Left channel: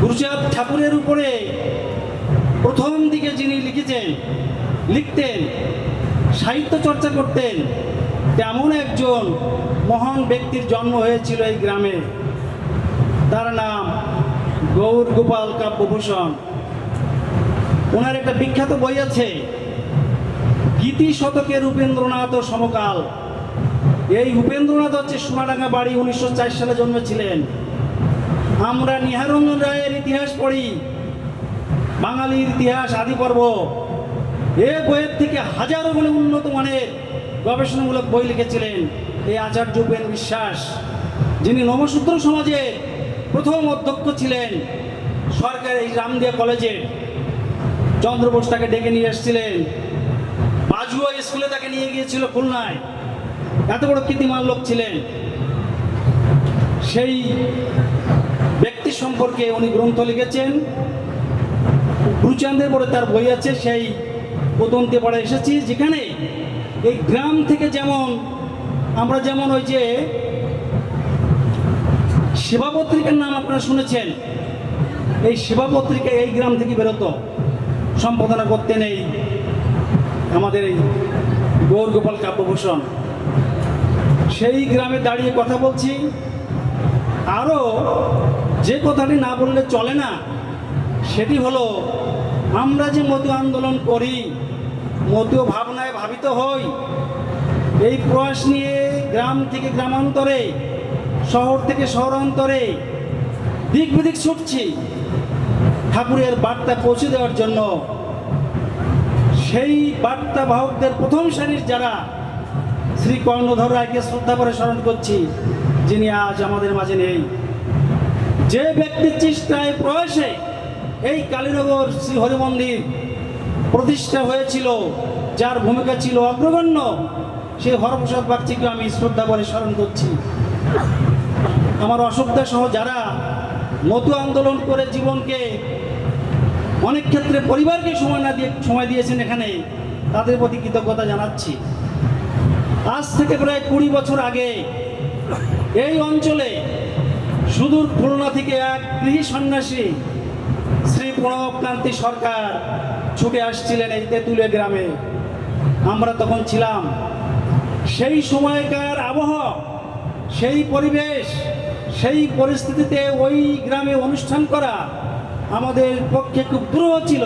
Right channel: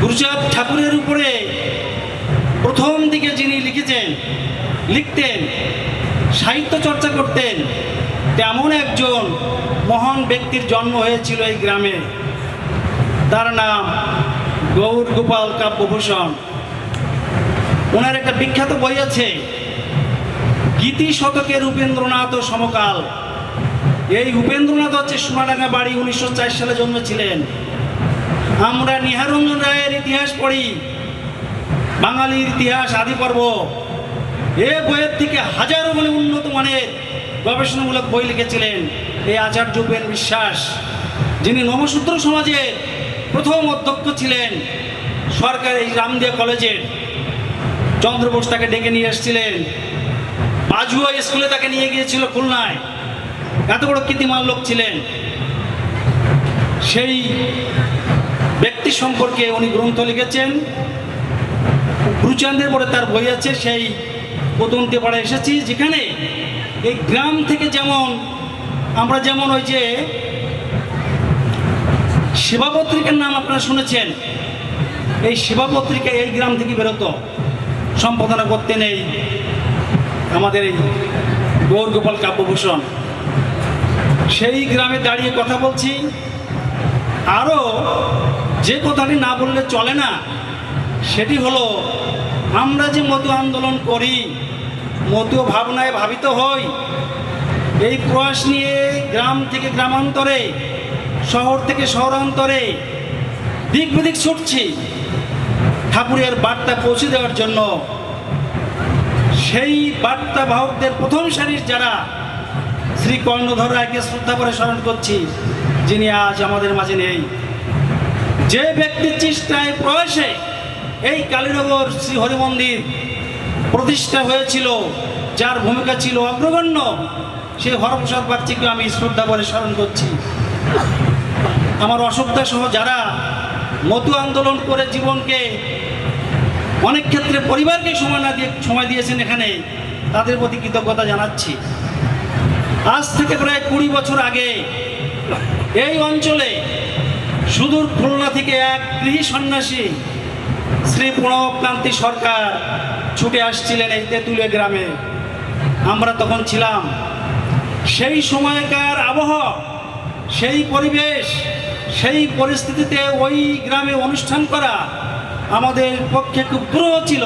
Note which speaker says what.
Speaker 1: গুরুচাঁদ ঠাকুরের উপরে প্রথম দিকে যিনি লিখেছেন, লিখতেন, সাহিত্য চর্চা করতেন, তেমন একজন মহান ব্যক্তির জন্ম হয়েছিল এই গ্রামে। তার নাম গৌর গোপাল কাব্যভূষণ। ওনার একটা বিখ্যাত বই আছে, গীতি শতকের উপেন্দ্রনাথ ও সমকাল। এই উপেন্দ্রনাথ হচ্ছে সোনাডাঙ্গা বাড়ি, উনিশশো চার সালে জন্মেছিলেন। আমরা নিহারঞ্জন রায়ের ইতিহাস পড়ি। বাঙালির ইতিহাস আদি পর্ব। এ বইয়ের থেকে হাজারো বলে উন্নত মানের গবেষণামূলক বই লিখেছিলেন এই আচার্য উপেন বিশ্বাস, যিনি নমশূদ্র সমাজের প্রথম অধ্যক্ষ ছিলেন সরকার এই রামদিয়া কলেজের চন্দ্রবোস তাকে ডেকে নিয়ে এসেছিলেন। বাজুয়া স্কুলে তাকে নিয়ে গিয়েছিল খুলনায়। এত বড় কীর্তিমান লোক ছিলেন। সেই সম্পর্কে উনি গ্রন্থ লিখেছেন। গুরুচাঁদের পরে তার বই আছে, সেই প্রতন্তে পাড়া এসেছি, যেখানে এই গ্রাম থেকে যেমন আমরা যেমন ওই যে সেবা পত্রিকার নাম আপনারা শুনেছেন, এই সেবা পত্রিকা এই গ্রাম থেকে বেরোতো। সম্পাদনা করতেন এই আমাদের এই গৌর গোপাল কাব্যভূষণ। সেই গ্রামে দাঁড়িয়ে কথা বলছি। আরও যে কথাটি না বললে চলে না, সেটি হলো, আমরা যে মতো আন্দোলন করি মতো ভাবনায় ভাবিত হই, এই প্রয়াস নিয়ে গ্রাম থেকে গ্রামান্তরে, শহর থেকে শহরান্তরে দিক বিদিক ছুটছি। ঠাকুরের বার্তা পৌঁছে দেওয়ার জন্য, সেই বার্তা বাহকদের প্রথম সারির যারা, শ্রী কর্ণধর রায়কে শ্রদ্ধা করে স্মরণ করছি, যিনি আজ আমাদের মাঝে নেই। যে ব্যক্তির চেষ্টায় প্রয়াসে এই কালীনগর শ্রী হরি মন্দির প্রতিষ্ঠা হয়েছিল, যার ভূমিকা ছিল অগ্রগণ্য সেই হরপ্রসাদ বাগচিকে আমি শ্রদ্ধা করে স্মরণ করছি। আমার অসুবিধা সহ যারা মতু আন্দোলন করে জীবনকে অনেক ক্ষেত্রে পরিবারকে সময় না দিয়ে, সময় দিয়েছেন এখানে, তাদের প্রতি কৃতজ্ঞতা জানাচ্ছি। আজ থেকে প্রায় কুড়ি বছর আগে এই অঞ্চলে সুদূর খুলনা থেকে এক গৃহী সন্ন্যাসী শ্রী প্রণবকান্তি সরকার ছুটে আসছিলেন এই তেঁতুলে গ্রামে। আমরা তখন ছিলাম। সেই সময়কার আবহাওয়া, সেই পরিবেশ, সেই পরিস্থিতিতে ওই গ্রামে অনুষ্ঠান করা আমাদের পক্ষে খুব দুরূহ ছিল।